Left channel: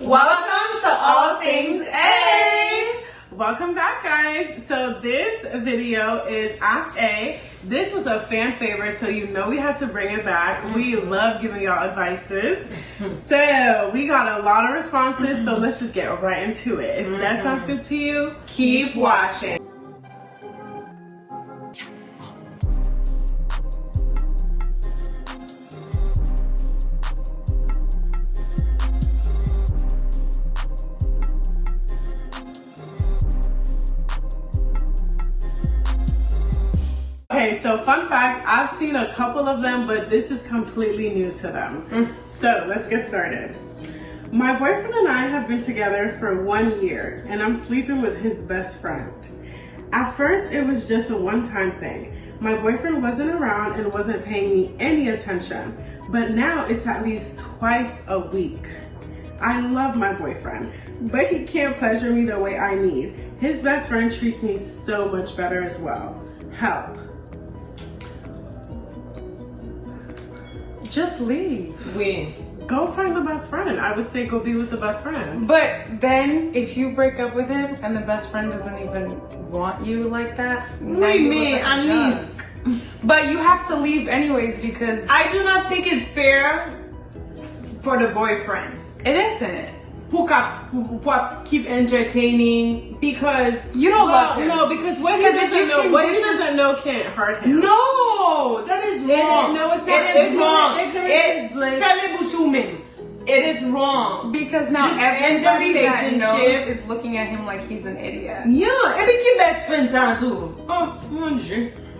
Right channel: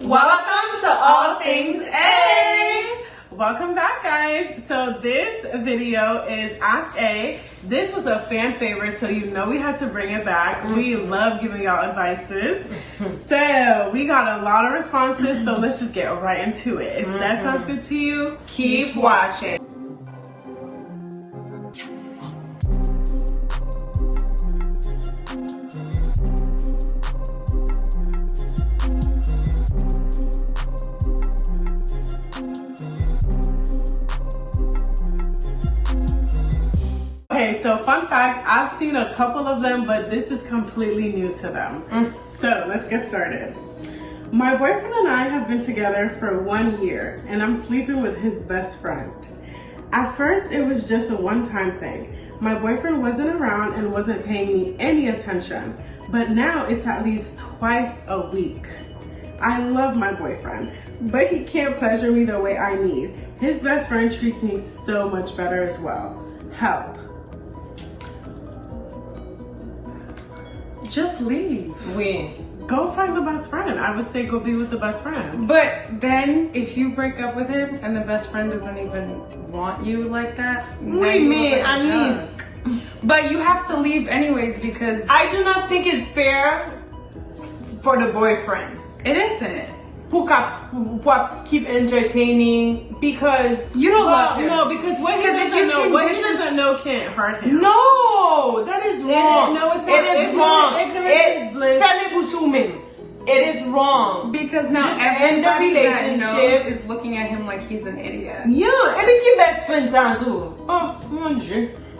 Welcome to All Things A. Welcome back, guys. So this video is Ask A. This was a fan favorite, so you know we had to bring it back. We love giving y'all advices. So we got a lot of responses, so let's just get right into it. If that sounds good to you, Keep watching. Okay, so fun fact, I've seen a couple of them, but this is completely new to them. So let's get started. My boyfriend and I have been together for 1 year, and I'm sleeping with his best friend. At first, it was just a one-time thing. My boyfriend wasn't around and wasn't paying me any attention, but now it's at least twice a week. I love my boyfriend, but he can't pleasure me the way I need. His best friend treats me so much better as well. Help. Just leave. Go find the best friend. I would say go be with the best friend. But then if you break up with him and the best friend doesn't even want you like that, At least. But you have to leave anyways because I do not think it's fair for the boyfriend it isn't. who keep entertaining because You don't love him. No, because what he Because if doesn't you know, can what he distance- doesn't know can't hurt him. no, that is wrong. No, it's not. It is wrong. It is wrong. Because now Just end the everybody that knows relationship. is looking at him like he's an idiot. Yeah, and we keep best friends out too. Oh,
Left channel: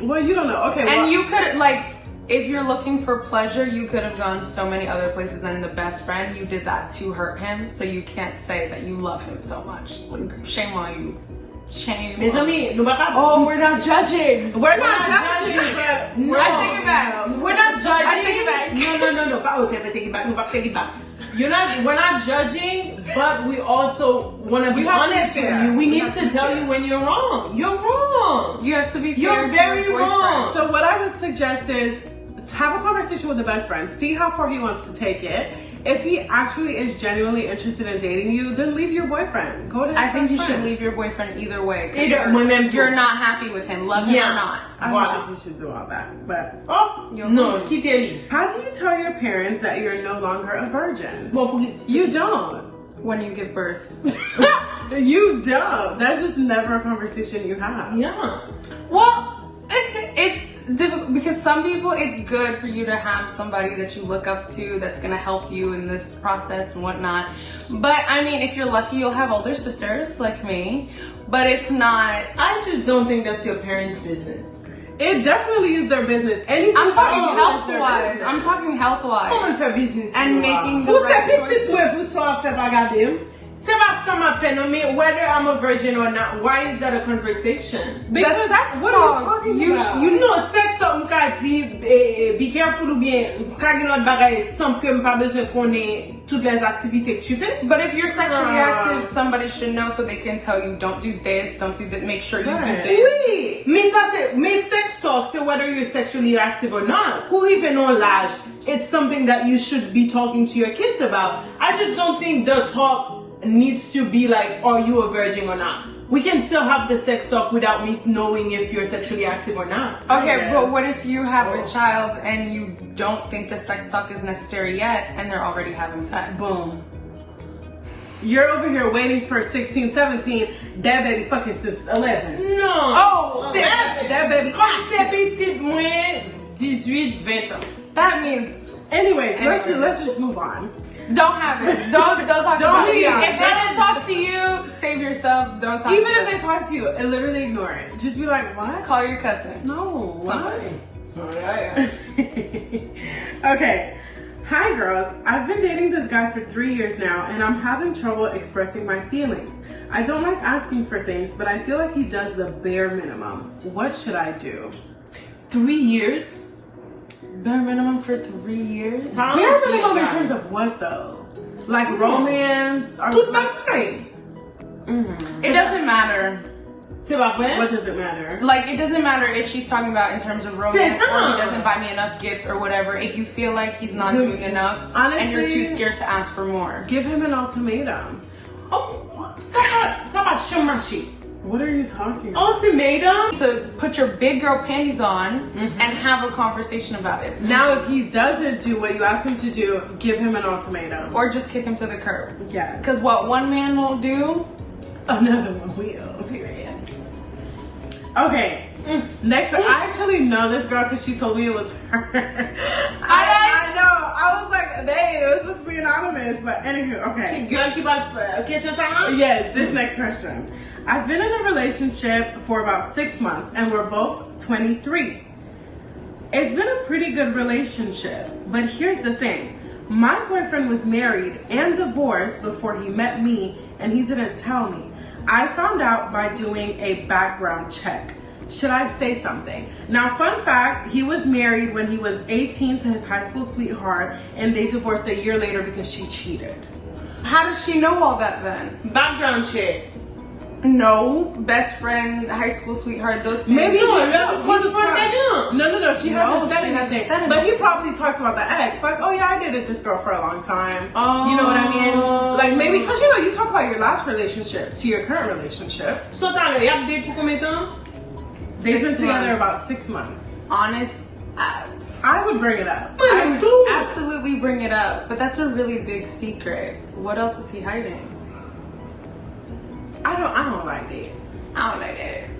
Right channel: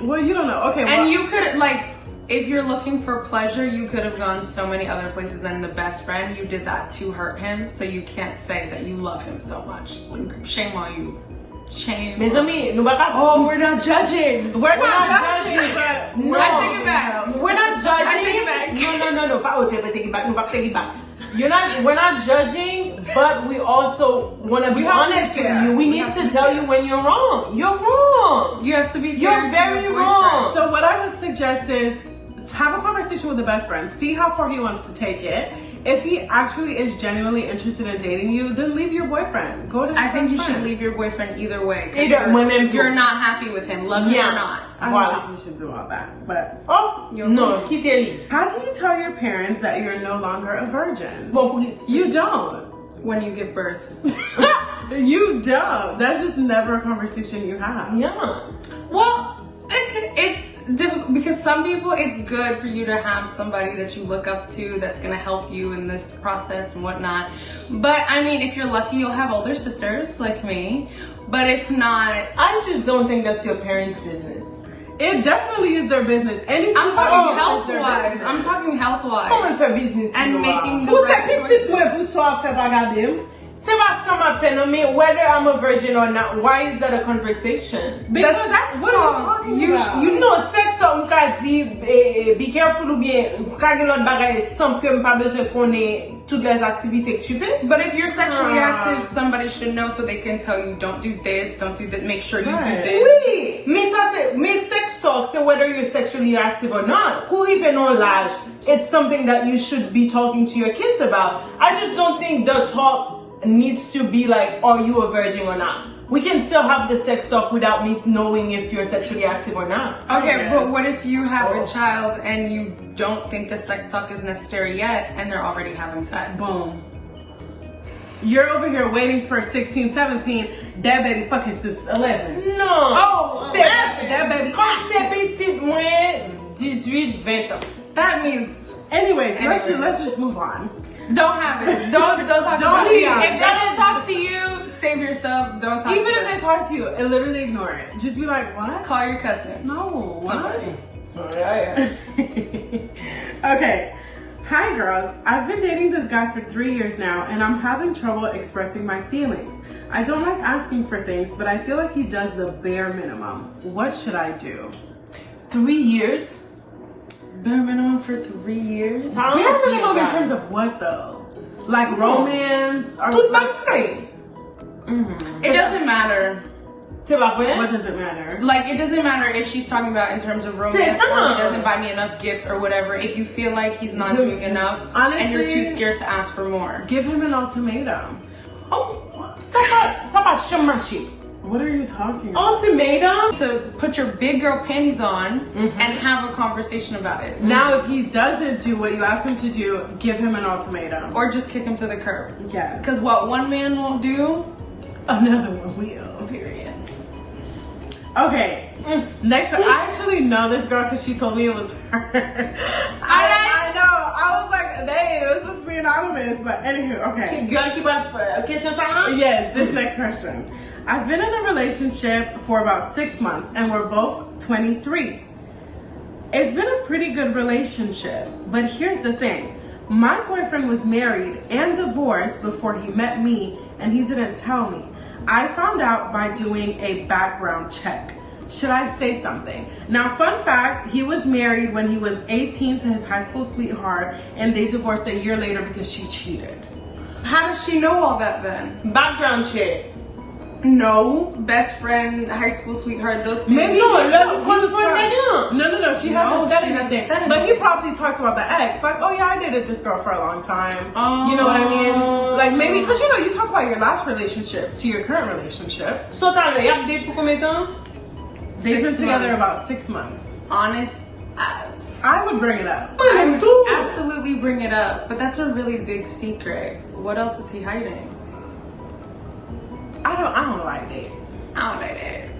Well, you don't know. Okay, well, And you could, like, if you're looking for pleasure, you could have gone so many other places than the best friend. You did that to hurt him, so you can't say that you love him so much. Like, shame on you. Shame. Mes on- amis, nous pas. Oh, we're not judging. we're not judging, but No. I take it back. We're not judging. I take it back. No. Pas hotel, take it back. No, pas take it back. We're not judging, but we also want to be have to honest be with fair. you. We We need have to to be tell fair. you when you're wrong. You're wrong. You have to be fair You're to very your boyfriend. wrong. So what I would suggest is have a conversation with the best friend. See how far he wants to take it. If he actually is genuinely interested in dating you, then leave your boyfriend. Go to his I think best you should friend. leave your boyfriend either way. 'Cause Either when them you're two. not happy with him, love him Yeah. or not. I Voilà. don't think we should do all that. But Oh, You're no, wrong. quittez-les. how do you tell your parents that you're no longer a virgin? Bon, police. You don't. When you give birth. You don't. That's just never a conversation you have. Yeah. Well, it's difficult because some people it's good for you to have somebody that you look up to that's gonna help you in this process and whatnot. But I mean, if you're lucky, you'll have older sisters like me. But if not, I just don't think that's your parents' business. It definitely is their business. Anything I'm talking about you is health their wise. business. I'm talking health Comment wise. faire business? And pour making the Vous right savez, choices. petit moi, pour soi, fait bagarder. C'est pas ça ma phénomène. Whether I'm a virgin or not, why is that a conversation? The sex what are you talk, talking you about? You know, sex talk, mka di, be careful ou bien, mka gen lot bagay, sans que mpa bezwen konen toutes les activités que tu fais. But if you're sexually active, somebody should know so they can tell you, don't do this, don't do this, make sure you do Right. this. Oui, mais ça c'est, mais sex talk, c'est whether you're sexually active or not. Pour even on l'âge, it's something that you should be talking to your kids about. I just don't think the talk needs to be like, are you a virgin or not? We can still have the sex talk without me knowing if you're sexually active or not. Okay, Yes. but what if you have Oh. a child and you don't think the sex talk is necessary yet and they're already having sex? Boom. You're over here waiting for 16, 17. That baby fucking since 11. No. Oh, That baby. Comme c'est petit, moins 18, 20 ans. That means Anyways, let's Anyways. just move on. don't have it. Don't talk Don't about it. be If honest. they don't talk to you, save yourself. Don't talk Even to if they them. talk to you, literally ignore it. Just be like, what? Call your cousin. No, Somebody. Alright. Okay. Hi girls, I've been dating this guy for 3 years now and I'm having trouble expressing my feelings. I don't like asking for things, but I feel like he does the bare minimum. What should I do? 3 years? Bare minimum for 3 years? Bare minimum in terms of what though? Like romance or Tout like, bagay. It doesn't matter. C'est pas vrai? What does it matter? Like, it doesn't matter if she's talking about in terms of romance or he doesn't buy me enough gifts or whatever. If you feel like he's not doing enough and you're too scared to ask for more. Give him an ultimatum. Oh, ça va marcher. What are you talking about? Ultimatum? So put your big girl panties on and have a conversation about it. Now, if he doesn't do what you asked him to do, give him an ultimatum. Or just kick him to the curb. Yes. Because what one man won't do, another one will. period. Okay, next one. I actually know this girl because she told me it was her. I know. I was like, they, it was supposed to be anonymous, but anywho, okay. Yes, this next question. I've been in a relationship for about 6 months and we're both 23. It's been a pretty good relationship, but here's the thing. My boyfriend was married and divorced before he met me and he didn't tell me. I found out by doing a background check. Should I say something? Now, fun fact, he was married when he was 18 to his high school sweetheart and they divorced a year later because she cheated. How does she know all that then? Background check. No, best friend, high school sweetheart, those things. Maybe No, she hasn't said anything. said anything. But he probably talked about the ex. Like, oh yeah, I dated this girl for a long time. Oh. You know what I mean? Like maybe, because you talk about your last relationship to your current relationship. So, t'as y'as date pour combien de temps? They've been 6 together months. about 6 months. Honest, I would bring it up. I would absolutely bring it up, but that's a really big secret. What else is he hiding? I don't like it. I don't like it.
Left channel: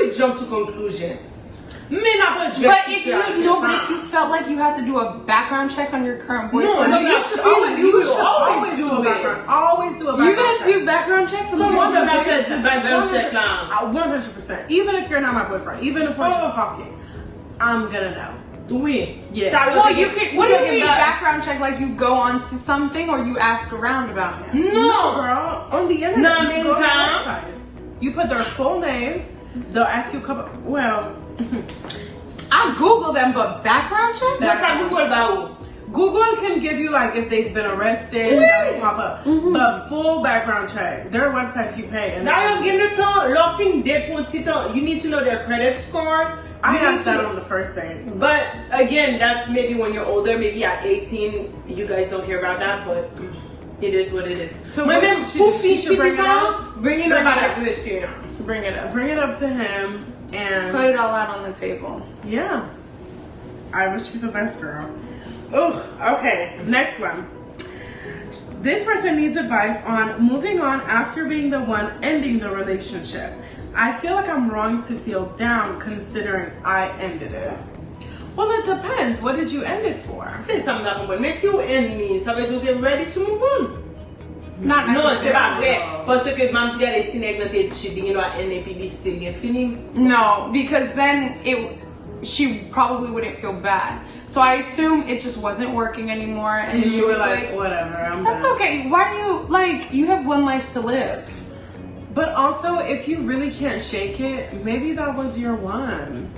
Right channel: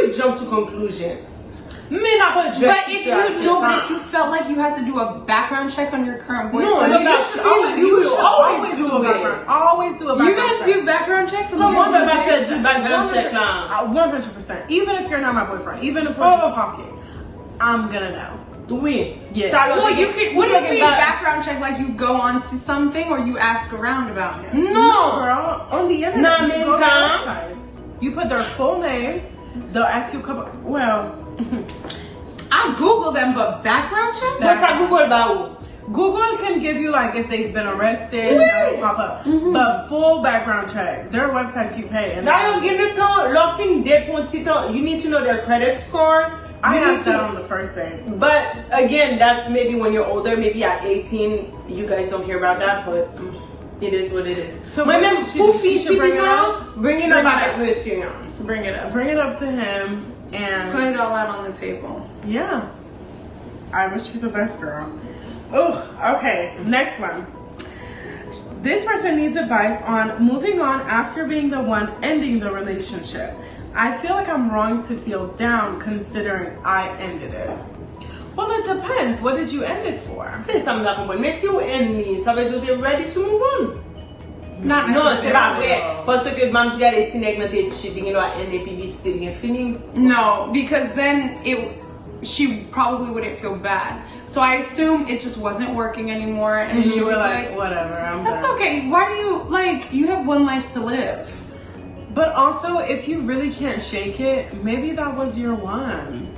We jump to conclusions. But if you felt like you had to do a background check on your current boyfriend, No, you should always do a background. Always do a background you guys check. do background checks on the Come on, boyfriend? the best do background check now. 100%. Even if you're not my boyfriend, even if we're just talking, I'm gonna know. Oui. Yeah. Well, you could. What do you mean background check? Like you go onto something or you ask around about him? No, girl. On the internet, No, you go to huh? websites. You put their full name. They'll ask you a couple. Well, I Google them, but background check? What's that Google about? Google can give you like if they've been arrested, that will pop up. But full background check. There are websites you pay. And Now you give it to laughing dead pour titan. You need to know their credit score. I You need asked that to- on the first day. But again, that's maybe when you're older. Maybe at 18, you guys don't care about that, but it is what it is. So what Remember, should she do? She should bring it up? Bring it up avec monsieur. Bring it up. Bring it up to him and Put it all out on the table. yeah. I wish you the best, girl. Oh, okay. Next one. This person needs advice on moving on after being the one ending the relationship. I feel like I'm wrong to feel down considering I ended it. Well, it depends. What did you end it for? C'est ça, m'da compris. Mais si you end me, ça veut dire que t'es ready to move on. Not Non, c'est pas necessarily. vrai. Parce que mam ti ale sinek nan te cheating, you know, end the publicity gen fini. No, because then she probably wouldn't feel bad. So I assume it just wasn't working anymore, and then You she were was like, whatever, I'm "That's done. okay. Why do you you have one life to live?" But also, if you really can't shake it, maybe that was your one.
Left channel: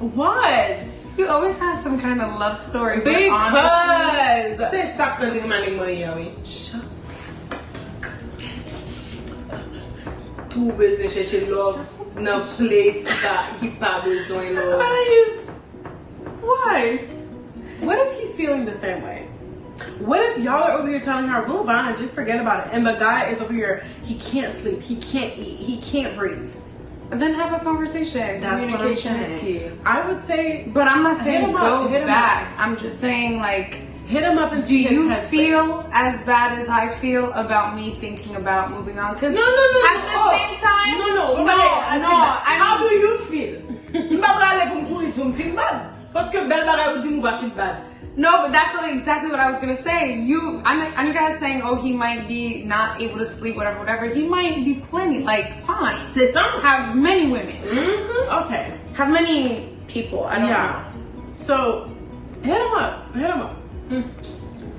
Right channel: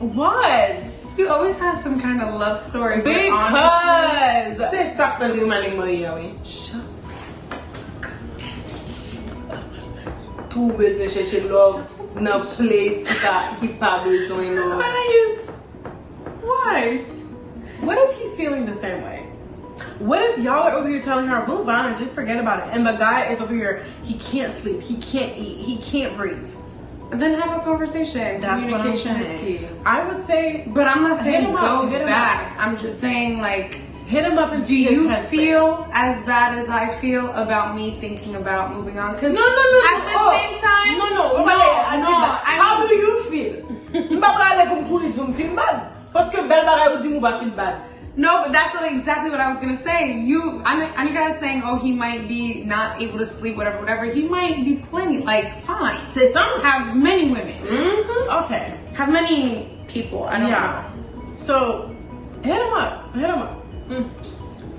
What? You always have some kind of love story, but honestly, Because C'est ça que fait man li mori ya, oui. Tout bezwen chèche love nan place ki pa bezwen love. why? what if he's feeling the same way? What if y'all are over here telling her, move on and just forget about it, and the guy is over here, he can't sleep, he can't eat, he can't breathe? Then have a conversation. That's what I'm Communication is key. saying. I would say, But I'm not Hit saying him up, go hit him back. I'm just saying hit him up and do see his you headspace. feel as bad as I feel about me thinking about moving on? Because No. at the same time, How do you feel? Mba prale pou m'kouri tou m'feel bad. Parce que bel bagay ou di mou ba feel bad. no, but that's exactly what I was gonna say. I you guys saying, oh, he might be not able to sleep, whatever. He might be plenty, fine. C'est ça? Have many women, Okay. have many people. I don't know. So, hit him up.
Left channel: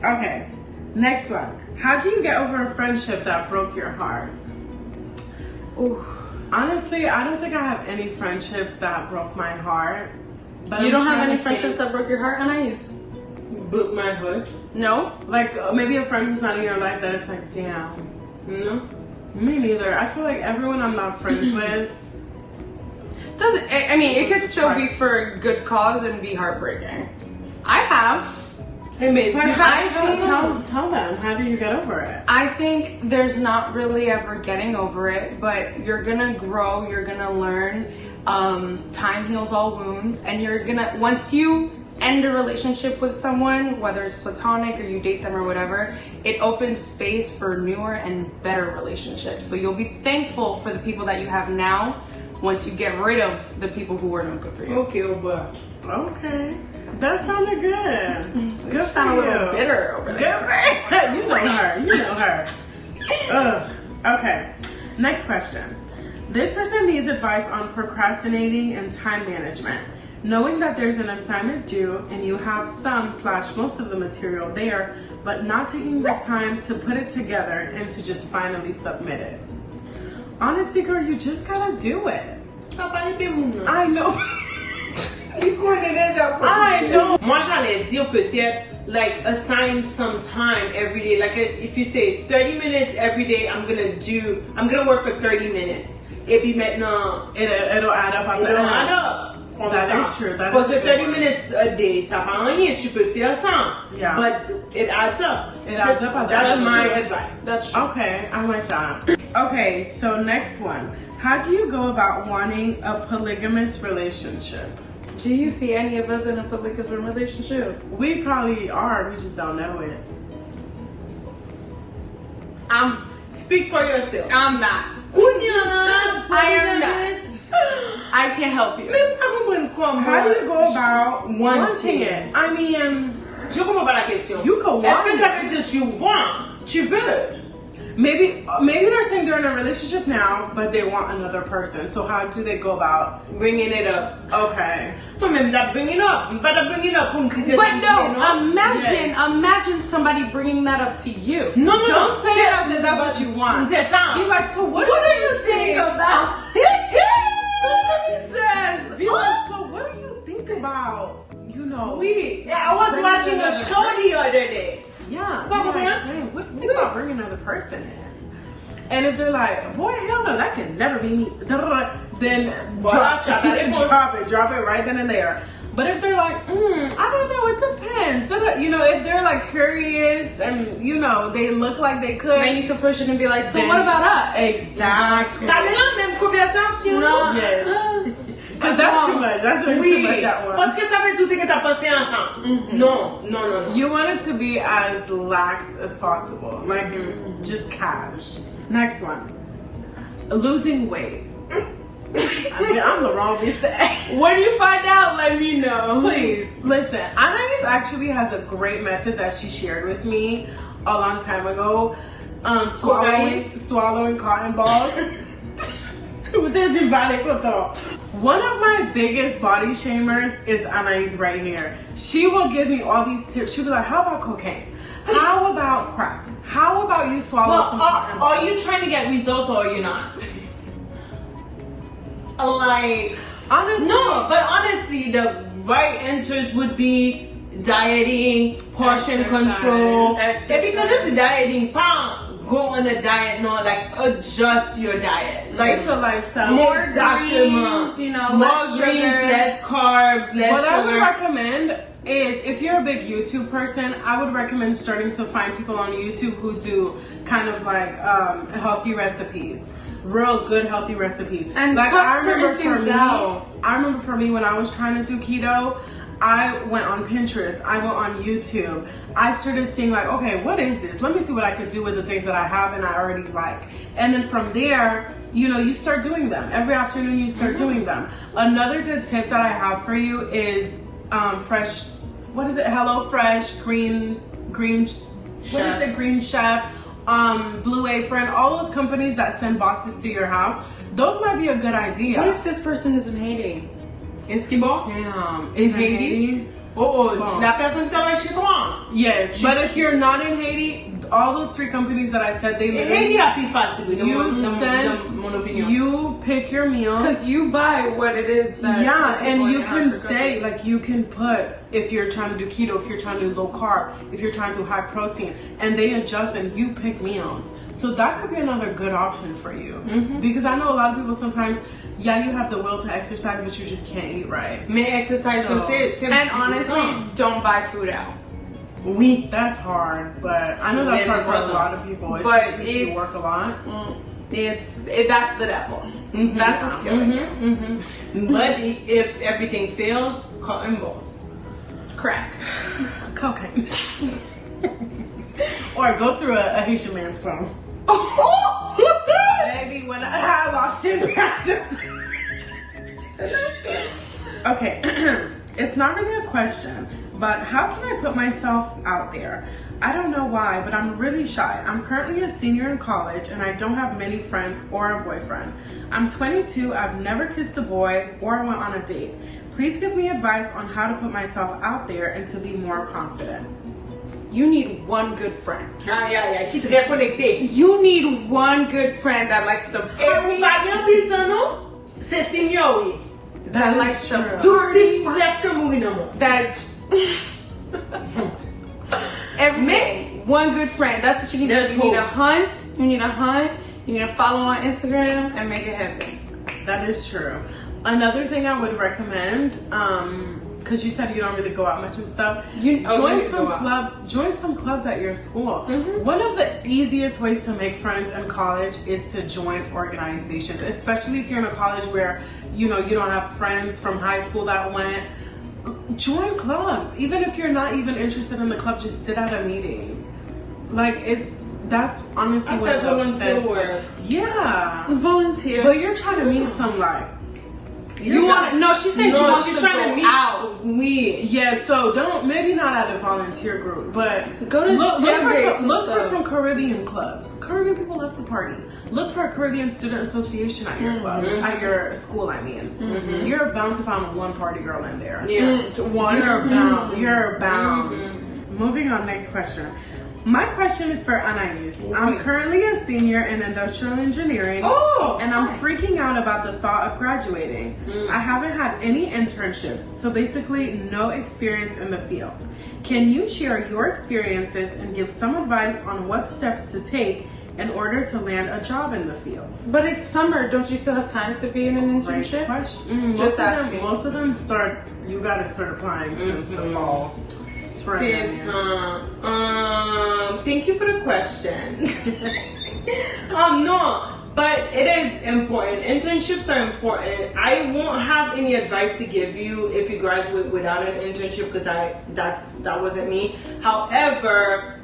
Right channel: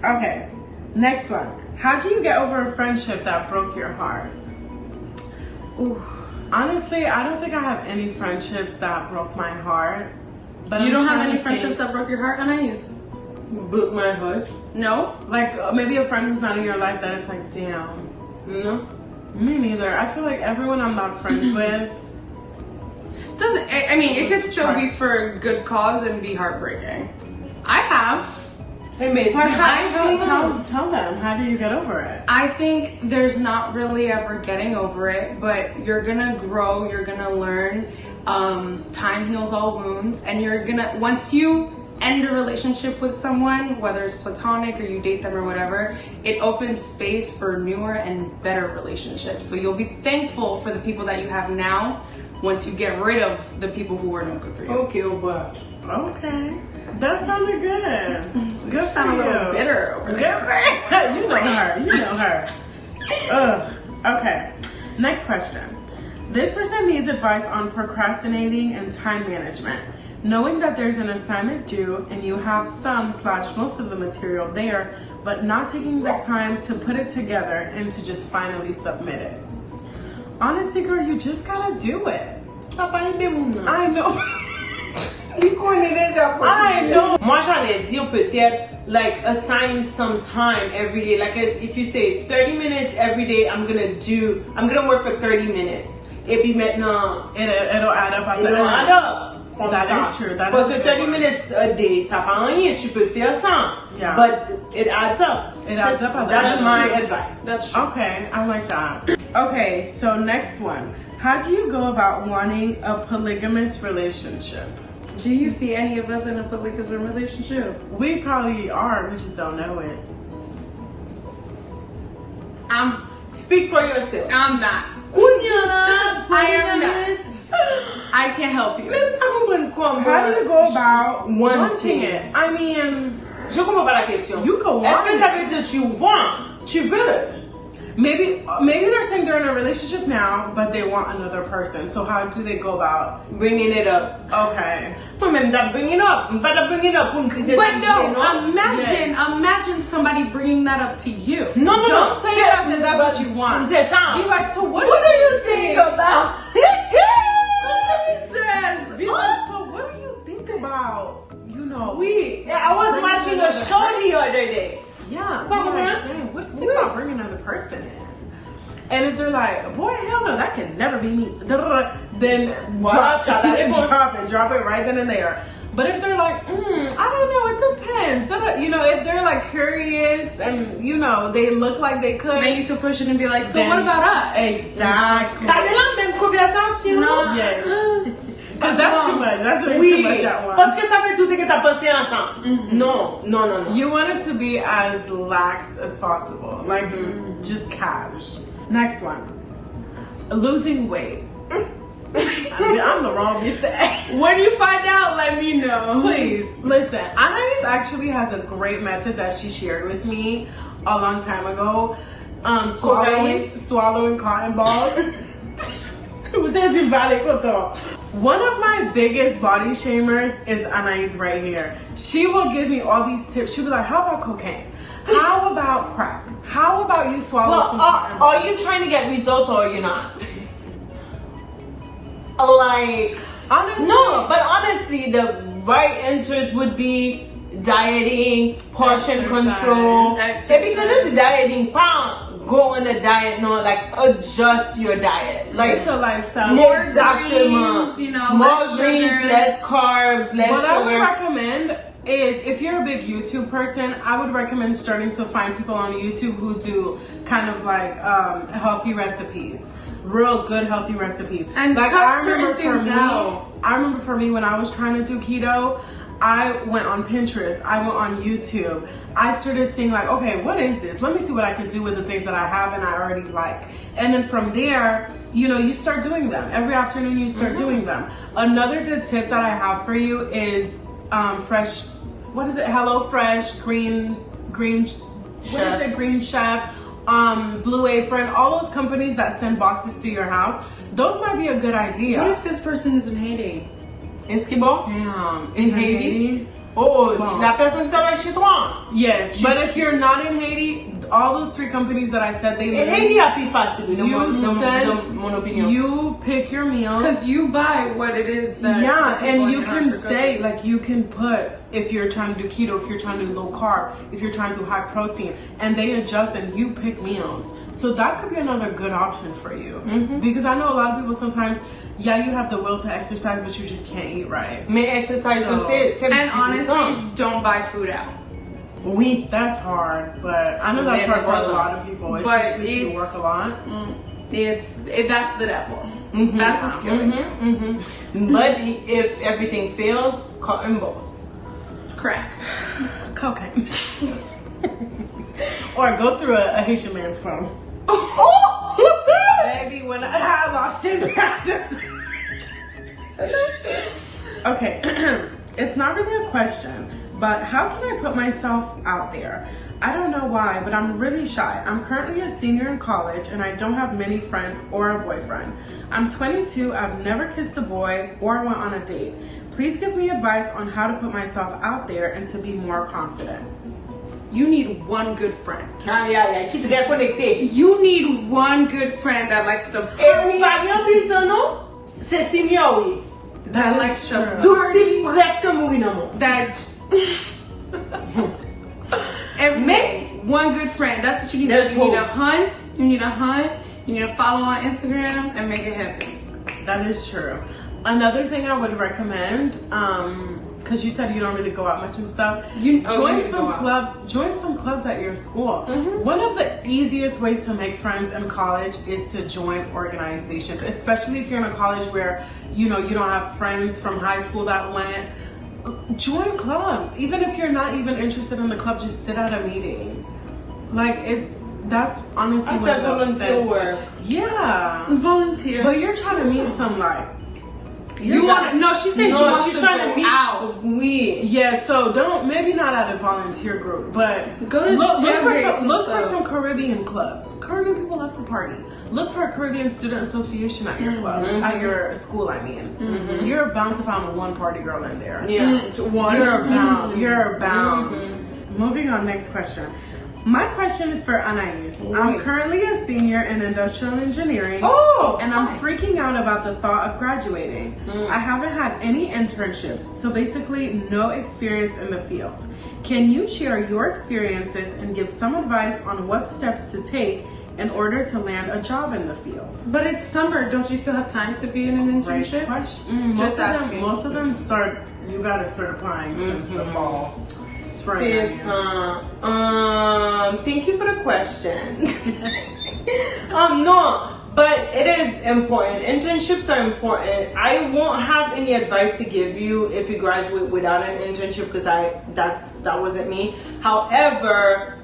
Okay. Next one. How do you get over a friendship that broke your heart? Ooh. Honestly, I don't think I have any friendships that broke my heart. But You I'm don't have trying any to friendships think. that broke your heart, Anais? Broke my heart. No? Like maybe a friend who's not in your life that it's like, damn. No. Me neither. I feel like everyone I'm not friends with. It could still be for a good cause and be heartbreaking. I have. It made me Tell them, how do you get over it? I think there's not really ever getting over it, but you're gonna grow, you're gonna learn. Time heals all wounds, and once you end a relationship with someone, whether it's platonic or you date them or whatever, it opens space for newer and better relationships. So you'll be thankful for the people that you have now once you get rid of the people who were no good for you. Okay, but okay. That sounded good. You sound a little bitter over there. You know her. Ugh. Okay. Next question. This person needs advice on procrastinating and time management. Knowing that there's an assignment due and you have some/most of the material there, but not taking the time to put it together and to just finally submit it. Honestly, girl, you just gotta do it. I know. I know. Moi, j'allais dire peut-être like assign some time every day. Like if you say 30 minutes every day, I'm gonna work for 30 minutes. Et puis maintenant, it'll add up at the it'll end. add up. That is true. Parce que 30 minutes a day, ça prend rien. Tu peux faire ça. Yeah. But it adds up. It adds up at the end. That's my advice. That's true. Okay, I like that. Okay, so next one. How do you go about wanting a polygamous relationship? Do you see any of us in a polygamous relationship? We probably are, we just don't know it. Speak for yourself. I'm not. I am not. I can't help you. How do you go about wanting it? I mean, je comprends pas la question. You can want it. Est-ce que ça veut dire tu want? Tu veux? Maybe they're saying they're in a relationship now, but they want another person. So how do they go about bringing it up? Okay. So maybe that bringing up, but But no, imagine somebody bringing that up to you. No, don't say it as if that's what you want. Be like, so what do you think about? Be like, so what do you think about? You know, I was watching a show the other day. Yeah. What do you think about bringing another person in? And if they're like, boy, hell no, that can never be me. Then drop it right then and there. But if they're like, I don't know, it depends. You know, if they're like curious and, you know, they look like they could. Then you could push it and be like, so what about us? Exactly. No. Yes. Because that's too much. That's really too much at once. Parce que ça veut dire que t'as pensé ensemble. No. You want it to be as lax as possible. Like, just cash. Next one. Losing weight. I'm the wrong bitch to ask. When you find out, let me know. Please, listen. Anais actually has a great method that she shared with me a long time ago. Swallowing cotton balls. One of my biggest body shamers is Anais right here. She will give me all these tips. She'll be like, how about cocaine? How about crack? How about you swallow some cotton balls? Are you trying to get results or are you not? Like, honestly, no, but honestly, the right answers would be dieting, portion control. Because it's dieting, go on a diet, no, like adjust your diet. Like it's a lifestyle. More greens, you know, more less greens, sugar, less carbs, less what sugar. I would recommend is if you're a big YouTube person, I would recommend starting to find people on YouTube who do kind of like healthy recipes. Real good healthy recipes. And like I remember for me when I was trying to do keto, I went on Pinterest, I went on YouTube. I started seeing like, okay, what is this? Let me see what I could do with the things that I have and I already like. And then from there, you know, you start doing them. Every afternoon you start doing them. Another good tip that I have for you is fresh, what is it? Hello Fresh, Green Chef, Blue Apron, all those companies that send boxes to your house. Those might be a good idea. What if this person is in Haiti? Est-ce qu'il bon? Damn. In Haiti? La personne qui travaille chez toi. Yes, but if you're not in Haiti, all those three companies that I said, they literally... You pick your meals. Because you buy what it is that... Yeah, and you can say, like, you can put, if you're trying to do keto, if you're trying to do low carb, if you're trying to do high protein, and they adjust and you pick meals. So that could be another good option for you. Because I know a lot of people sometimes, yeah, you have the will to exercise, but you just can't eat right. Mais exercise So- And honestly, don't buy food out. Oui. That's hard, but I know that's hard for a lot of people. But Especially if you work a lot. That's the devil. That's what's killing you. But if everything fails, cotton balls. Crack. Cocaine. Or go through a Haitian man's phone. Baby, when I have Austin Okay, it's not really a question, but how can I put myself out there? I don't know why, but I'm really shy. I'm currently a senior in college and I don't have many friends or a boyfriend. I'm 22, I've never kissed a boy or went on a date. Please give me advice on how to put myself out there and to be more confident. You need one good friend. Yeah. Tu te connecté. You need one good friend that likes to Et party. ou pas bien pile non? C'est senior, oui. That likes to Donc party. c'est presque mourir non non. That every day, one good friend. That's what you need. There's You need hope. a hunt. You need a hunt. You need to follow on Instagram and make it happen. That is true. Another thing I would recommend, because you said you don't really go out much and stuff, You need join to some go out. clubs. Join some clubs at your school. One of the easiest ways to make friends in college is to join organizations, especially if you're in a college where you don't have friends from high school that went. Join clubs, even if you're not even interested in the club. Just sit at a meeting. That's honestly I what said the volunteer best- work. Yeah, Volunteer. but you're trying to meet some you want to? No, she said she wants she's to trying go meet. out. Oui. Yeah, so maybe not at a volunteer group, but Go to tailgates and look for stuff. some Caribbean clubs. Caribbean people love to party. Look for a Caribbean student association at your club, at your school. I mean, you're bound to find one party girl in there. Yeah. One. You're bound. You're bound. Moving on, next question. My question is for Anais. I'm currently a senior in industrial engineering, and I'm freaking out about the thought of graduating. I haven't had any internships, so basically no experience in the field. Can you share your experiences and give some advice on what steps to take in order to land a job in the field? But it's summer. Don't you still have time to be in an internship? Just asking. Most of them start. You got to start applying since the fall, spring. Thank you for the question. No, but it is important. Internships are important. I won't have any advice to give you if you graduate without an internship because that wasn't me. However,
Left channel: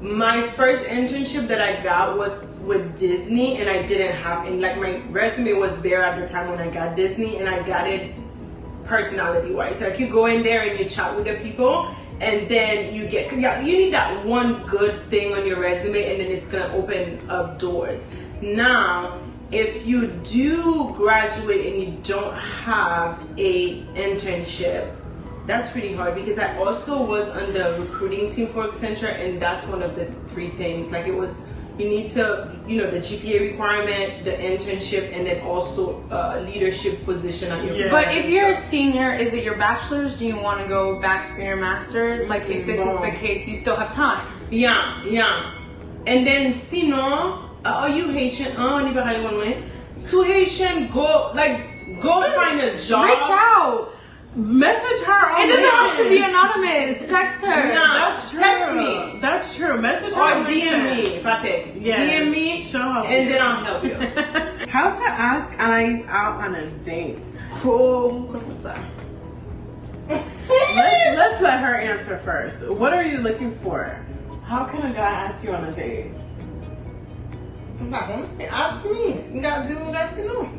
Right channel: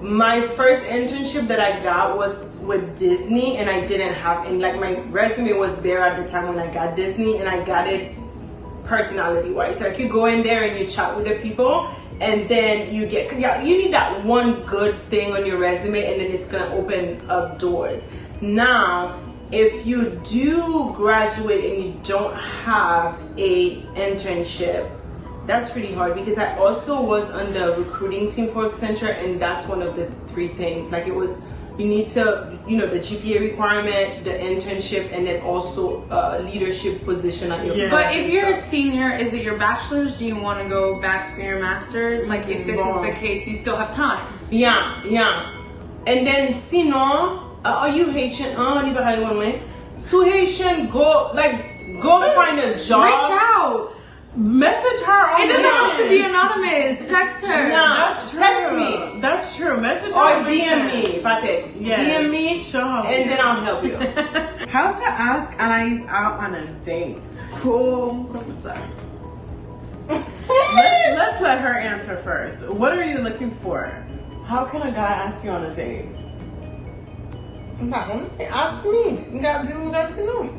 my first internship that I got was with Disney, and I didn't have any. Like my resume was there at the time when I got Disney, and I got it personality-wise. So I could go in there and you chat with the people, and then you need that one good thing on your resume, and then it's gonna open up doors. Now, if you do graduate and you don't have a internship, that's pretty hard because I also was on the recruiting team for Accenture, and that's one of the three things. Like it was, you need to, the GPA requirement, the internship, and then also leadership position at your. But if you're a senior, is it your bachelor's? Do you want to go back for your master's? Like if this is the case, you still have time. Yeah. And then sinon, are you Haitian? So Haitian, go find a job. Reach out. Message her on It doesn't have to LinkedIn. be anonymous. Text her. Yeah. That's true. Text me. That's true. Message her Or on DM LinkedIn. me if I text. Yes. DM me, She'll help and you. then I'll help you. How to ask Anais out on a date? Cool. Let's let her answer first. What are you looking for? How can a guy ask you on a date? Ask me. You got to know.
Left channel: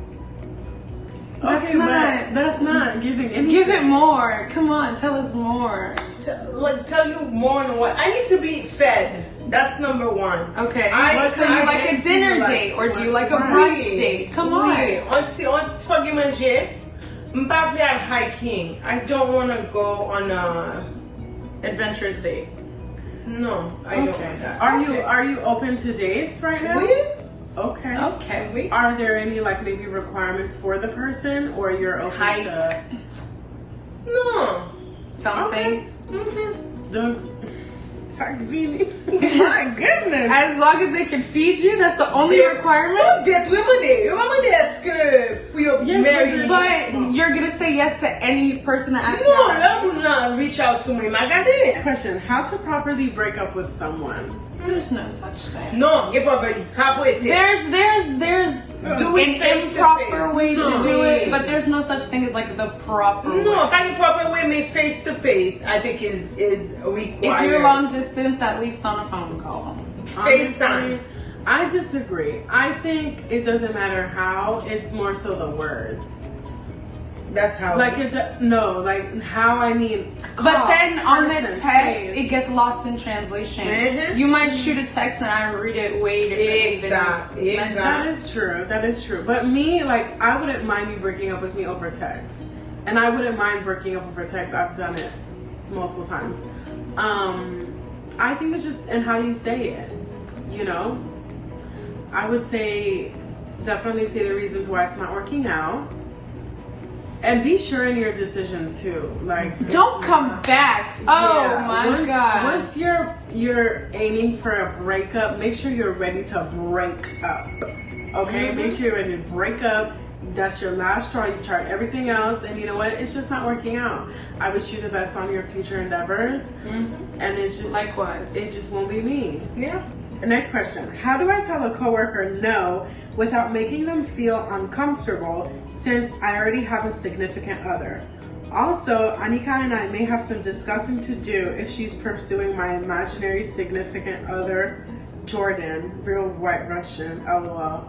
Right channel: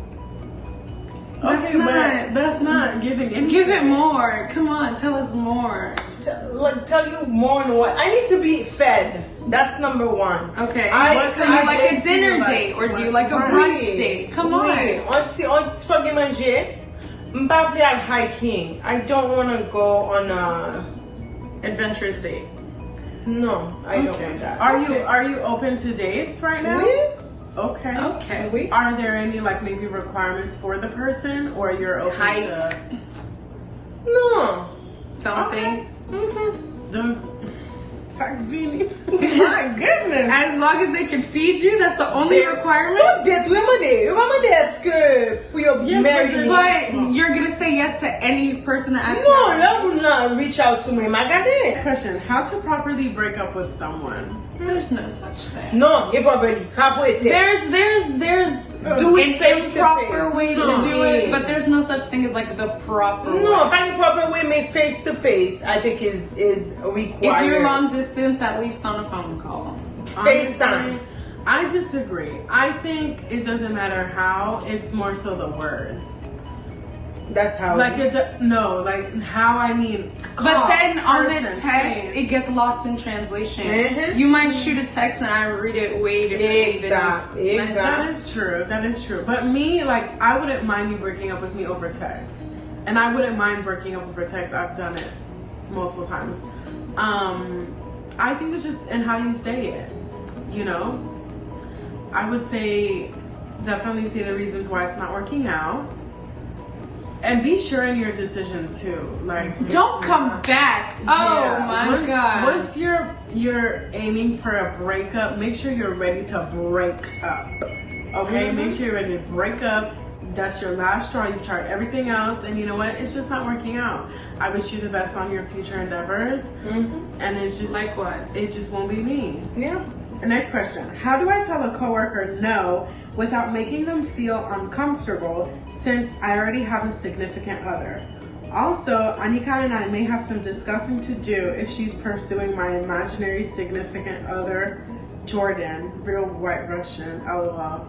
Okay, but that's not giving anything. Give it more. Come on, tell us more. Tell you more than what. I need to be fed. That's number one. Okay. What So kind you of like a dates do you dinner like? date or do you like a Right. brunch date? Come on. On se manger. M'pa vle at hiking. I don't want to go on a. Adventurous date. No, I don't want that. Are you open to dates right now? Oui. Okay. Okay. Oui. Are there any maybe requirements for the person, or you're open Height. to? No. Something. Mm-hmm. Don't. My goodness. As long as they can feed you, that's the only requirement. So get lemonade. Lemonade est que pour your married. But you're gonna say yes to any person that asks No, you. let me not reach out to me. Magade. Question: how to properly break up with someone? There's no such thing. No, give up already. Halfway there. There's Do it an face to improper face. way to No. do it, but there's no such thing as like the proper way. No, find the proper way, make face to face. I think is required. If you're long distance, at least on a phone call. FaceTime. I disagree. I think it doesn't matter how. It's more so the words. That's how. Like how I mean. But then on the person, text, face. it gets lost in translation. Mhm. You might shoot a text and I read it way differently than Exactly. you. That is true. That is true. But me, like, I wouldn't mind you breaking up with me over text, and I wouldn't mind breaking up over text. I've done it multiple times. I think it's just in how you say it. You know, I would say definitely say the reasons why it's not working out. And be sure in your decision too. Like, Don't come back. Oh yeah, my god. Once you're aiming for a breakup, make sure you're ready to break up. Okay? Make sure you're ready to break up. That's your last straw. You've tried everything else, and you know what? It's just not working out. I wish you the best on your future endeavors. And it's just Likewise. it just won't be me. Yeah. Next question. How do I tell a coworker no without making them feel uncomfortable since I already have a significant other? Also, Anika and I may have some discussing to do if she's pursuing my imaginary significant other, Jordan, real white Russian, LOL.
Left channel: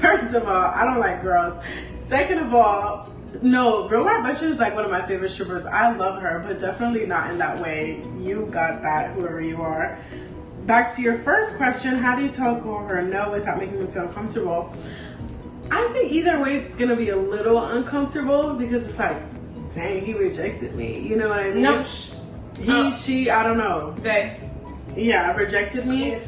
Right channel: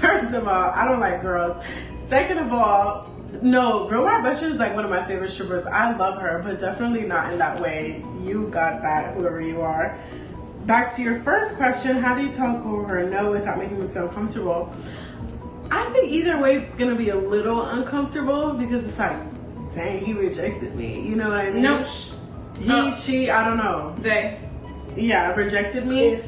First of all, I don't like girls. Second of all, no, real white Russian is like one of my favorite strippers. I love her, but definitely not in that way. You got that, whoever you are. Back to your first question, how do you tell a coworker no without making them feel comfortable? I think either way it's gonna be a little uncomfortable because it's like, dang, he rejected me. You know what I mean? No, She, I don't know. they. Yeah, rejected me.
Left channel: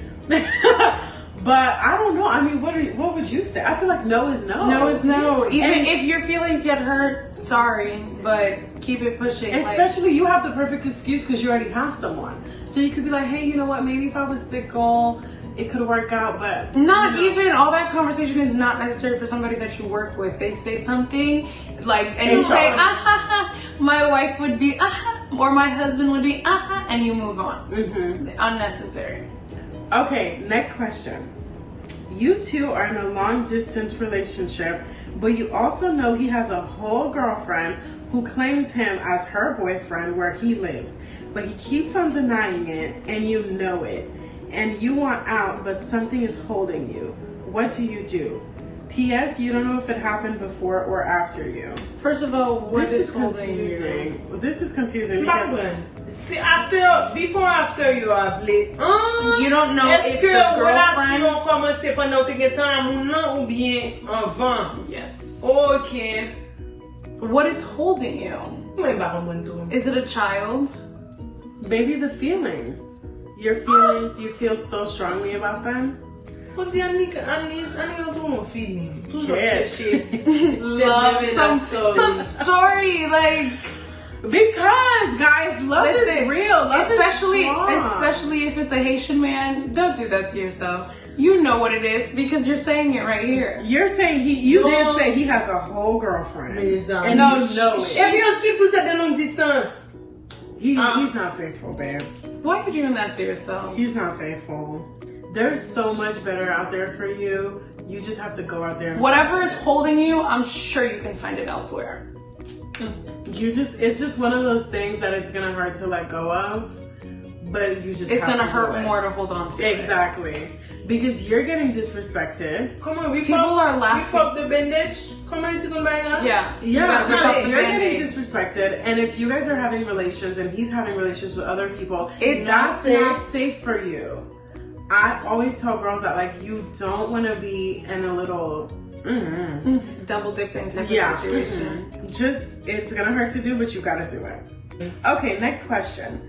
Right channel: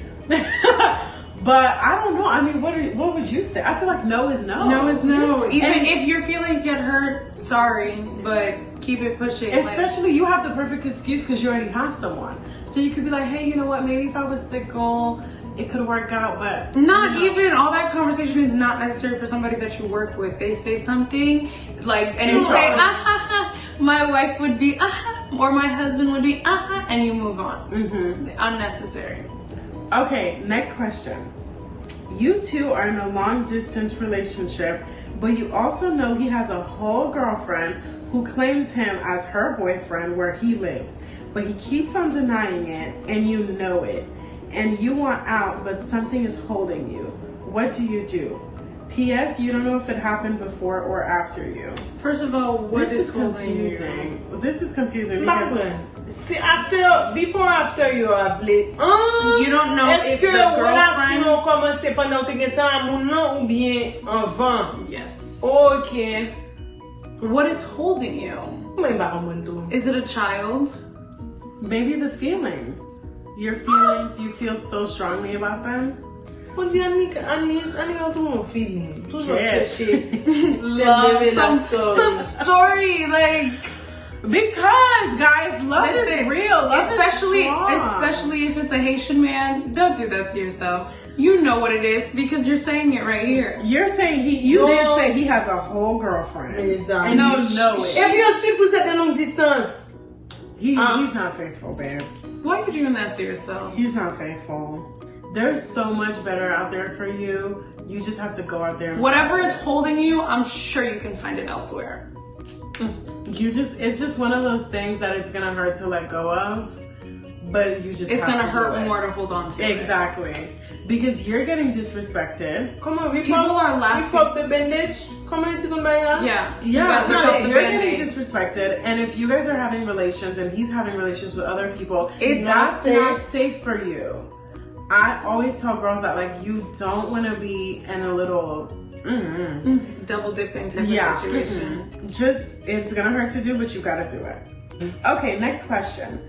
But I don't know. I mean, what would you say? I feel like no is no. No is no. Even And- if your feelings get hurt, sorry, but keep it pushing. Especially you have the perfect excuse because you already have someone. So you could be like, hey, you know what? Maybe if I was single, it could work out, but Not you know. even all that conversation is not necessary for somebody that you work with. They say something like, and you say, ah ha ha, my wife would be, ah ha, or my husband would be, ah ha, and you move on. Unnecessary. Okay, next question. You two are in a long distance relationship, but you also know he has a whole girlfriend who claims him as her boyfriend where he lives, but he keeps on denying it and you know it. And you want out, but something is holding you. What do you do? P.S. You don't know if it happened before or after you. First of all, what This is holding you? confusing. This is confusing because See, before after you have late. You don't know if the girlfriend. Commencé pendant que tu temps ou bien avant. Yes. Ok. What is holding you? Is it a child? maybe the feelings. Your feelings, you feel so strongly about them. On dit Anika toujours feeling. Toujours Yeah. chercher. Love some story like. Because guys, love is real. Love especially is strong. especially if it's a Haitian man. Don't do that to yourself. You know what it is because you're saying it right here. You're saying you did say he has a whole girlfriend. Exactly. And No, you know it. Et bien sûr, vous êtes de longue distance. He's not faithful, babe. Why are you doing that to yourself? He's not faithful. There's so much better out there for you. You just have to go out there. And Whatever is holding you, I'm sure you can find it elsewhere. It's just one of those things that it's gonna hurt to let go of, but you just It's have gonna to hurt do it. more to hold on to. it. Exactly. Because you're getting disrespected. Come on, People are laughing. We fuck the bandage. Come on, to the now. Yeah. Yeah, You gotta rip off the you're Band-Aid. getting disrespected, and if you guys are having relations and he's having relations with other people, It's that's not not safe for you. I always tell girls that like you don't want to be in a little Double dipping type yeah of situation. just it's gonna hurt to do, but you gotta do it. Okay, next question.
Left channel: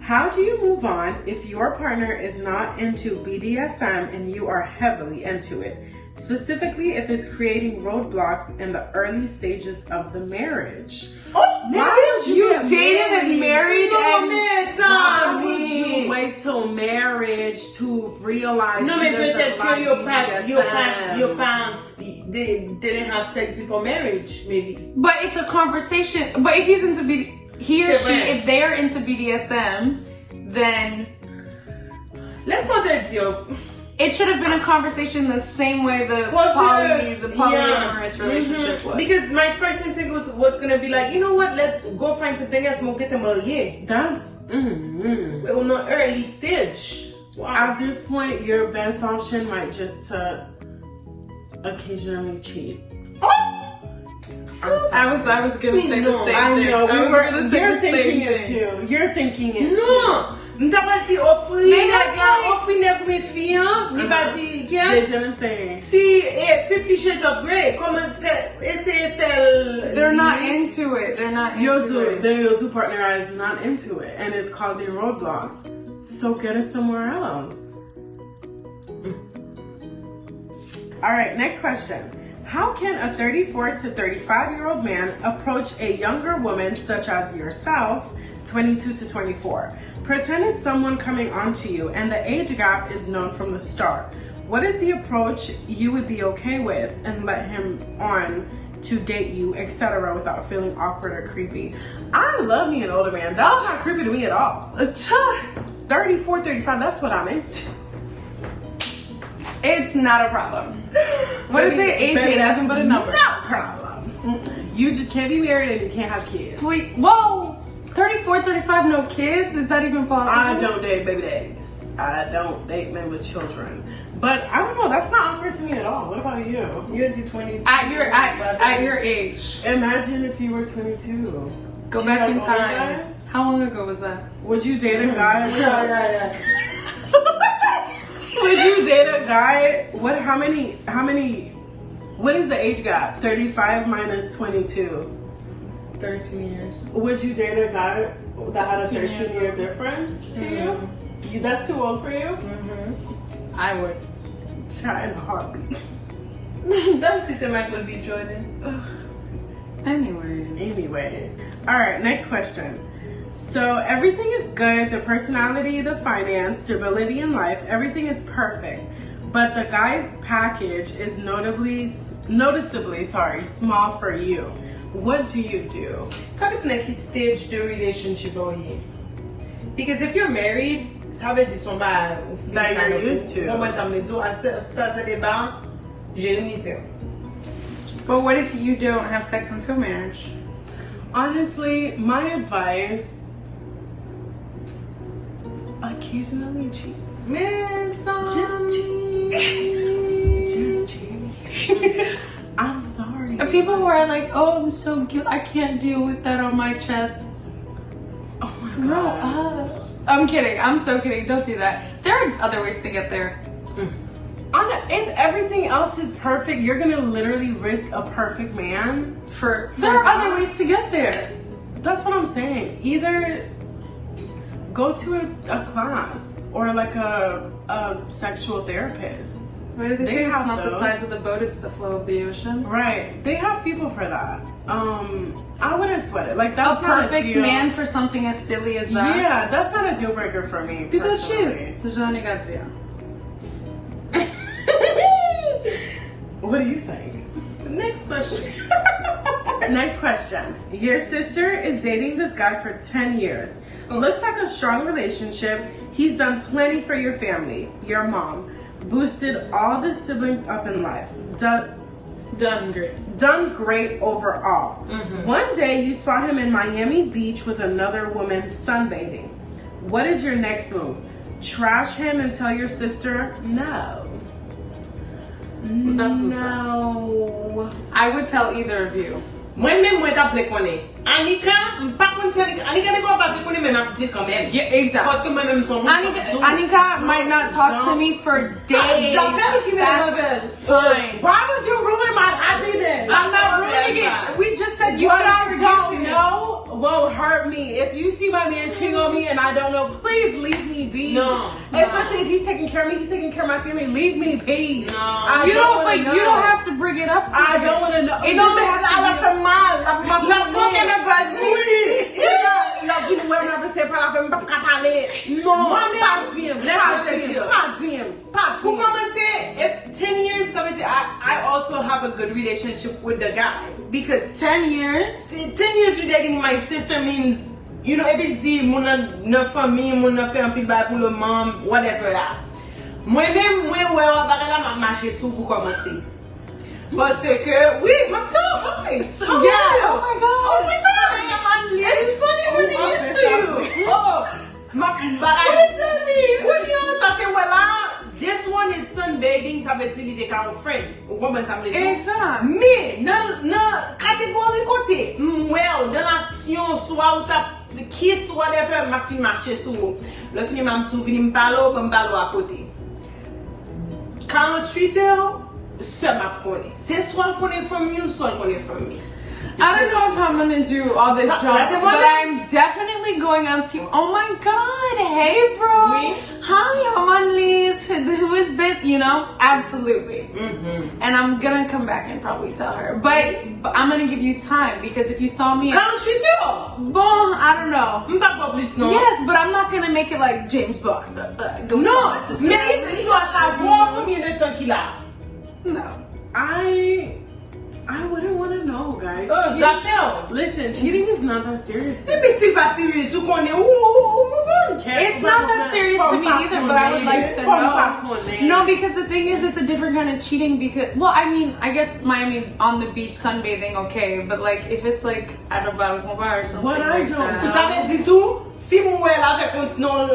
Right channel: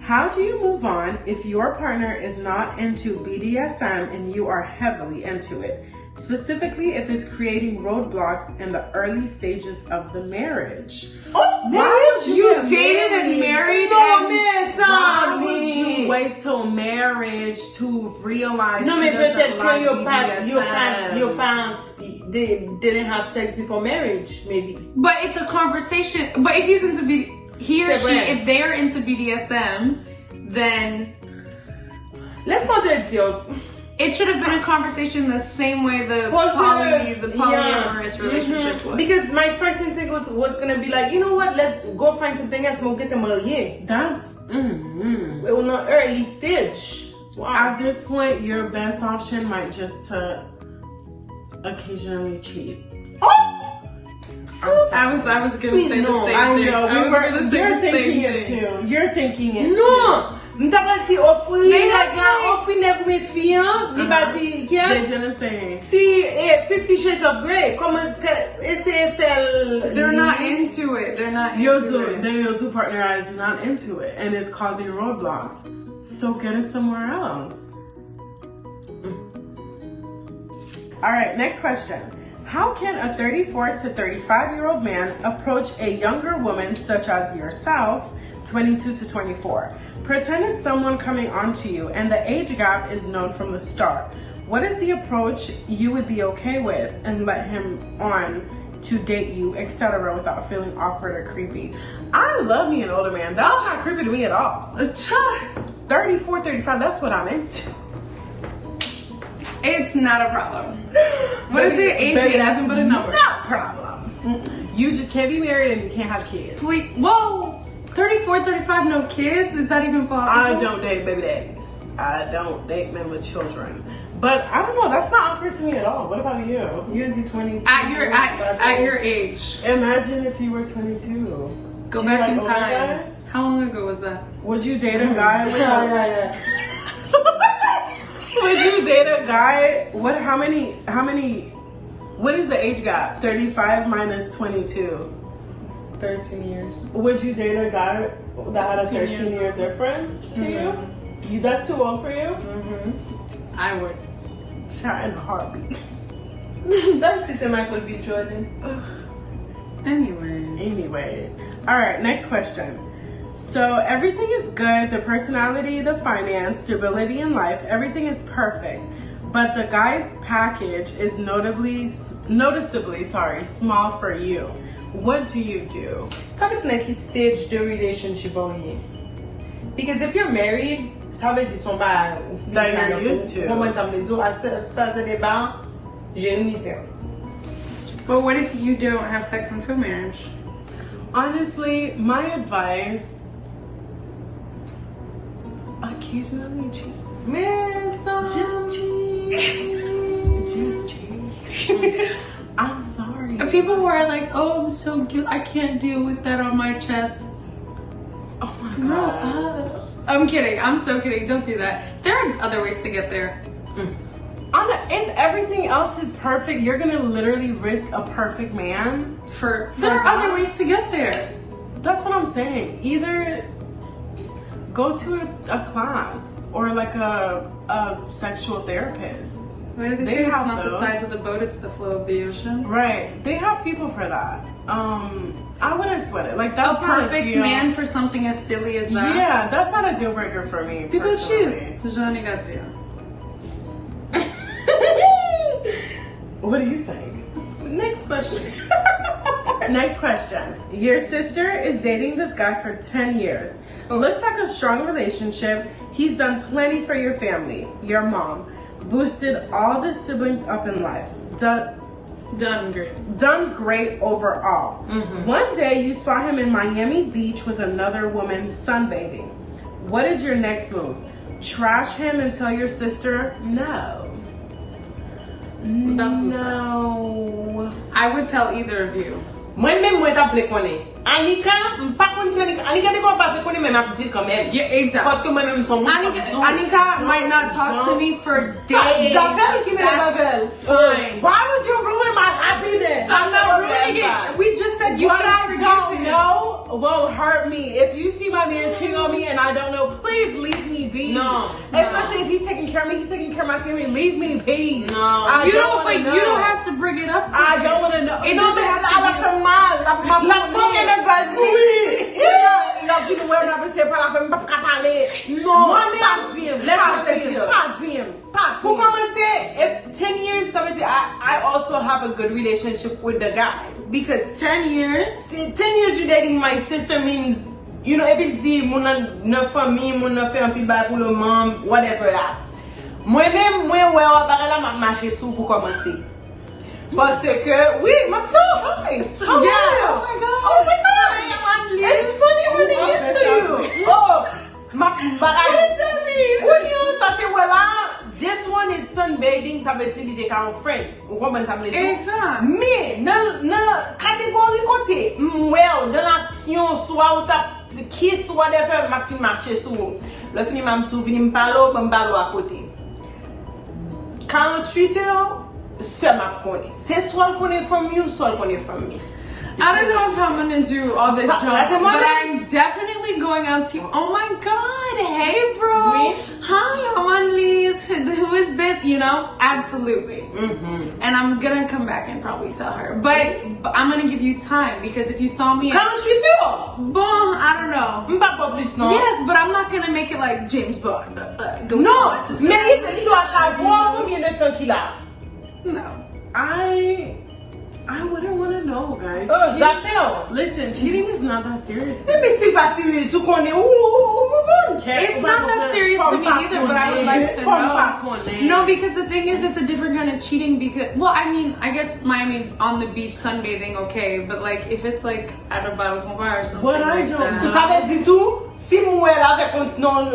How do you move on if your partner is not into BDSM and you are heavily into it? Specifically, if it's creating roadblocks in the early stages of the marriage. Oh, Why would would you you get dated and married No, and mais Why ça, would you wait till marriage to realize No, she mais peut-être doesn't que like your parents, they didn't have sex before marriage, maybe. But it's a conversation. But if he's into he or C'est she, vrai. if they're into BDSM, then Laisse-moi te dire. it should have been a conversation the same way the polyamorous relationship was. Because my first instinct was gonna be like, you know what, let's go find something else, we'll get them marié. That's On an early stage. Wow. at this point, your best option might just to occasionally cheat. I was gonna say the same thing. I know. I was gonna say You're the same thinking it thing. too. You're thinking it Non! too. M'ta pas dit offrir, They have offrir nek mi fiyan, li ba di, They didn't say. si 50 Shades of Grey, comment essayer faire. They're not into it. They're not Your into two, it. your two partner is not into it, and it's causing roadblocks. So get it somewhere else. All right, next question. How can a 34 to 35-year-old man approach a younger woman such as yourself, 22 to 24? Pretend it's someone coming onto you and the age gap is known from the start. What is the approach you would be okay with and let him on to date you, etc., without feeling awkward or creepy? I love me an older man. That's not creepy to me at all. 34, 35, that's what I'm into. It's not a problem. What is it? Age ain't nothing but a number. No problem. You just can't be married and you can't have kids. Please, whoa, 34, 35, no kids? Is that even possible? I don't date baby daddies. I don't date men with children. But I don't know, that's not awkward to me at all. What about you? You're to 20. At your age. Imagine if you were 22. Go Do back you in like older time. guys? How long ago was that? Would you date a guy with Yeah. Would you date a guy? How many what is the age gap? 35 minus 22. 13 years. Would you date a guy that had a 13 years 13-year old. difference to you? That's too old for you? I would. Try in a heartbeat. Some sister Michael B. Jordan. Anyway. All right, next question. So everything is good, the personality, the finance, stability in life, everything is perfect. But the guy's package is noticeably small for you. What do you do? Ça dépend de qui stage de relationship on you. Because if you're married, ça veut dire son ba That you're used to. Comment ça me dit à ce débat, j'ai une misère. But what if you don't have sex until marriage? Honestly, my advice, occasionally cheat. Mais Just cheat. Just cheat. I'm sorry. And people who are like, oh, I'm so guilty, I can't deal with that on my chest. Oh my Grow god. up. I'm kidding. I'm so kidding. Don't do that. There are other ways to get there. If everything else is perfect, you're gonna literally risk a perfect man. There are other ways to get there. That's what I'm saying. Either go to a class or like a sexual therapist. What did they They say? It's have not the those. size of the boat, it's the flow of the ocean. Right. They have people for that. I wouldn't sweat it. Like that's A not perfect deal. man for something as silly as that. Yeah, that's not a deal breaker for me. Personally. What do you think? next question. Next question. Your sister is dating this guy for 10 years. Looks like a strong relationship. He's done plenty for your family, your mom. Boosted all the siblings up in life. Done great. Done great overall. One day you saw him in Miami Beach with another woman sunbathing. What is your next move? Trash him and tell your sister no. That's what's No. I would tell either of you. Moi-même, moi, t'as appelé qu'on est. Anika, pas qu'on dit Anika n'est pas appelé qu'on est, mais n'a dit quand même. Yeah, exactly. Parce que moi-même, son Anika might not talk to me for days. That's fine. Why would you ruin my happiness? I'm not ruining it. We just said you What can I forgive don't him. know will hurt me. If you see my man cheating on me and I don't know, please leave me be. No. Especially if he's taking care of me, he's taking care of my family. Leave me be. No. I You don't don't, wanna but know. you don't have to bring it up to I me. don't want to know. It doesn't have to be. mal. La love you when I say parler, pas parler. Non, pas dire. Pour commencer, if 10 years, ça veut dire I also have a good relationship with the guy. Because 10 years? 10 years you dating my sister means, you know, if it's the mon nan famille, mon nan fait un pile bail pour le mom, whatever là. Moi-même, moi, la m'a marché sous pour commencer. Parce que, oui, I'm so nice. Yeah, oh my god. Oh my god. I am on leave. It's funny when they get to you. Oh, what does that mean? When you say, well, this one is sunbathing, ça veut dire qu'il est un friend. Woman, ça veut dire. Exact. Mais, dans catégorie côté, well, dans l'action, soit ou t'as kiss, whatever, m'a fin marché sur. Le film m'a tout venu m'parler à côté. 48 heures, c'est ma connaît. C'est soit le connaît from you, soit le connaît from me. I don't know if I'm gonna do all this job, but I'm definitely going out to. Oh my god! Hey, bro. Oui. Hi, I'm on leave. Who is this? You know, absolutely. Mm-hmm. And I'm gonna come back and probably tell her, but I'm gonna give you time because if you saw me, Quand tu fais, bon, I don't know. pas plus non. Yes, but I'm not gonna make it like James Bond. Go Non, tell my sister. mais il doit savoir combien de temps qu'il a. No. I wouldn't want to know, guys. Oh, j'appelle. Listen, cheating is not that serious. Mais c'est pas sérieux, vous connaissez où It's not that serious to me either, but I would like to know. No, because the thing is, it's a different kind of cheating because, well, I mean, I guess Miami on the beach sunbathing, okay, but like if it's like at a balcony bar or something What I like don't that. Ça veut dire tout, si moi avec non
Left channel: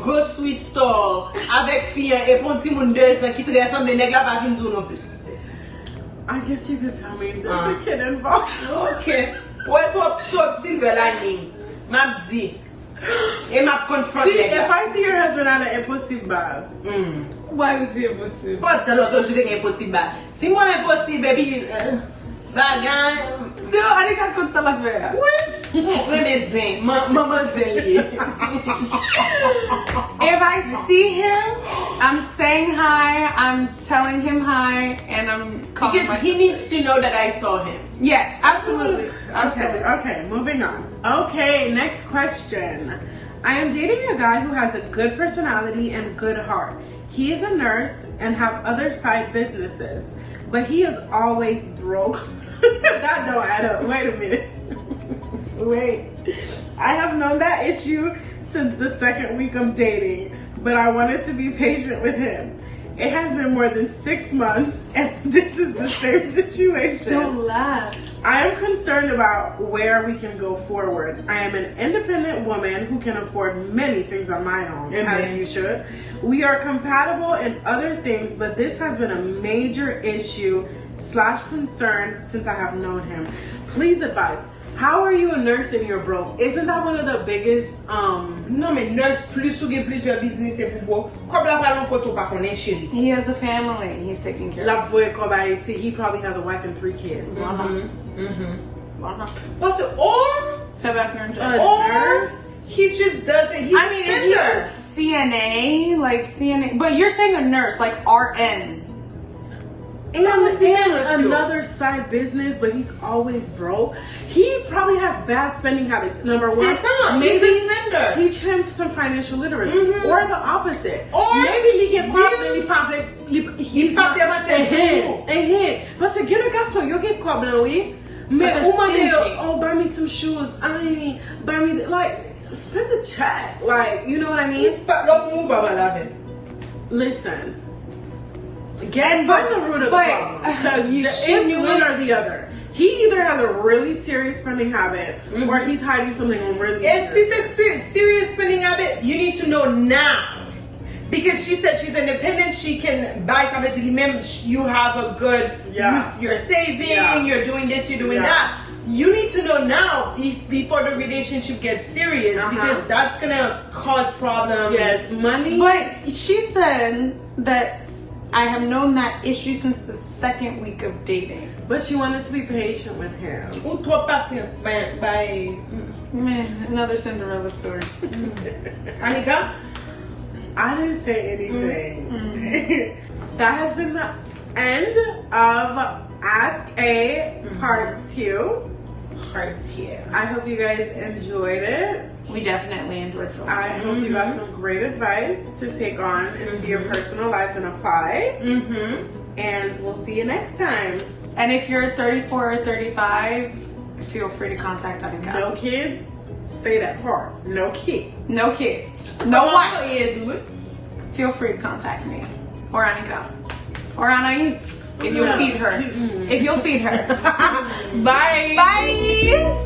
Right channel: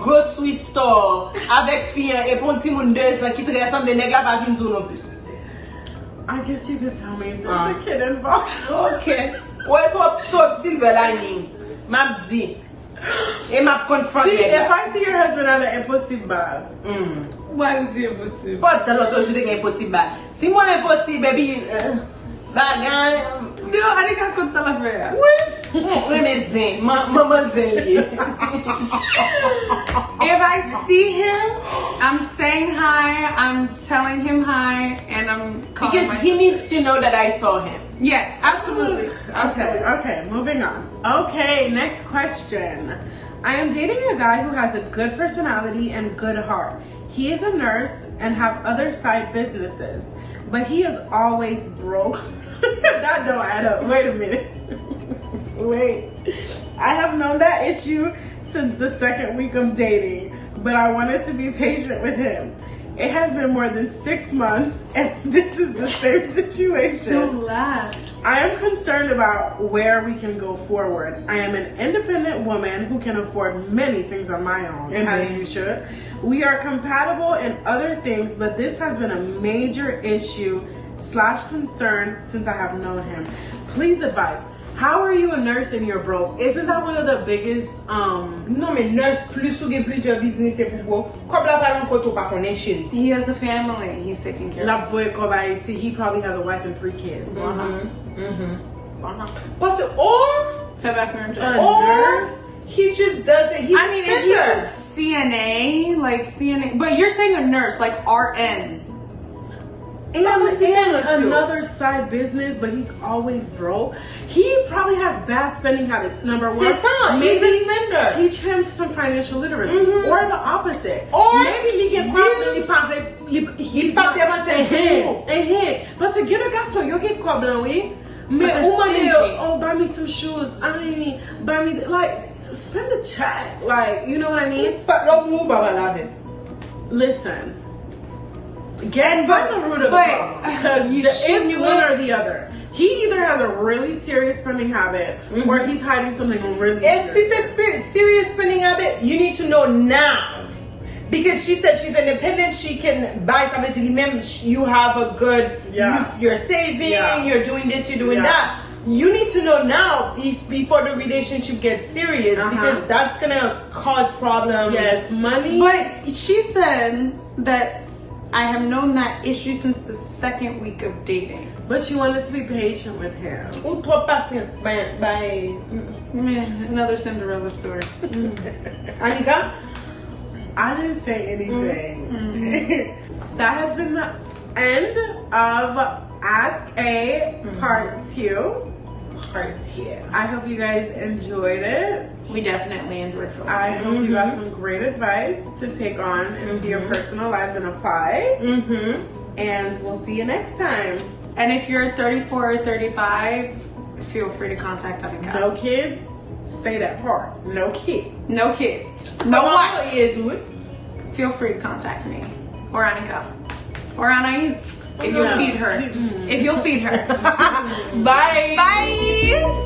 grocery store avec fille et pour petit monde 2 ans qui te ressemble les nègres pas venir non plus. I guess you could tell me there's a kid involved. Okay. Ouais, toi silver lining. M'a dit. Et m'a confront. See, if I see your husband at an impossible, Why would you impossible? Pas de l'autre jour c'est impossible. Si moi impossible baby bagay. No, I think I could tell her. Oui. Maman Zélie. If I see him, I'm saying hi, I'm telling him hi, and I'm calling my Because he sister. needs to know that I saw him. Yes, absolutely. Okay, moving on. Okay, next question. I am dating a guy who has a good personality and good heart. He is a nurse and have other side businesses, but he is always broke. That don't add up. Wait a minute. Wait. I have known that issue since the second week of dating, but I wanted to be patient with him. It has been more than 6 months, and this is the same situation. Don't laugh. I am concerned about where we can go forward. I am an independent woman who can afford many things on my own, as you should. We are compatible in other things, but this has been a major issue / concern since I have known him. Please advise. How are you a nurse and you're broke? Isn't that one of the biggest Non mais nurse plus ou gen plusieurs business et pour comme la parole koto pas connaît chérie. He has a family he's taking care of. La boy Kobayashi, he probably has a wife and 3 kids. Parce que or Nurse? he just does it. I mean, if he's a CNA, like CNA, but you're saying a nurse, like RN. And another side business, but he's always broke. He probably has bad spending habits. Number one, maybe teach him some financial literacy, or the opposite. Or maybe he gets he's not Parce que get a garçon, you get quoi oui? Mais oh, buy me some shoes. I mean, buy me like spend the check. Like, you know what I mean? Listen. Get from the root of the problem. Because it's one or the other. He either has a really serious spending habit or he's hiding something really serious. If it's serious spending habit, you need to know now. Because she said she's independent, she can buy something. Remember, you have a good, you're saving, you're doing this, you're doing that. You need to know now before the relationship gets serious because that's gonna cause problems. Yes, money. But she said that I have known that issue since the second week of dating. But she wanted to be patient with him. Another Cinderella story. Anika? I didn't say anything. That has been the end of Ask A Part 2. criteria. I hope you guys enjoyed it. We definitely enjoyed filming. I hope you got some great advice to take on into your personal lives and apply. And we'll see you next time. And if you're 34 or 35, feel free to contact Anika. No kids? Say that part. No kids. No kids. No wife. Dude. Feel free to contact me. Or Anika. Or Anais. If you'll feed her. If you'll feed her. Bye. Bye.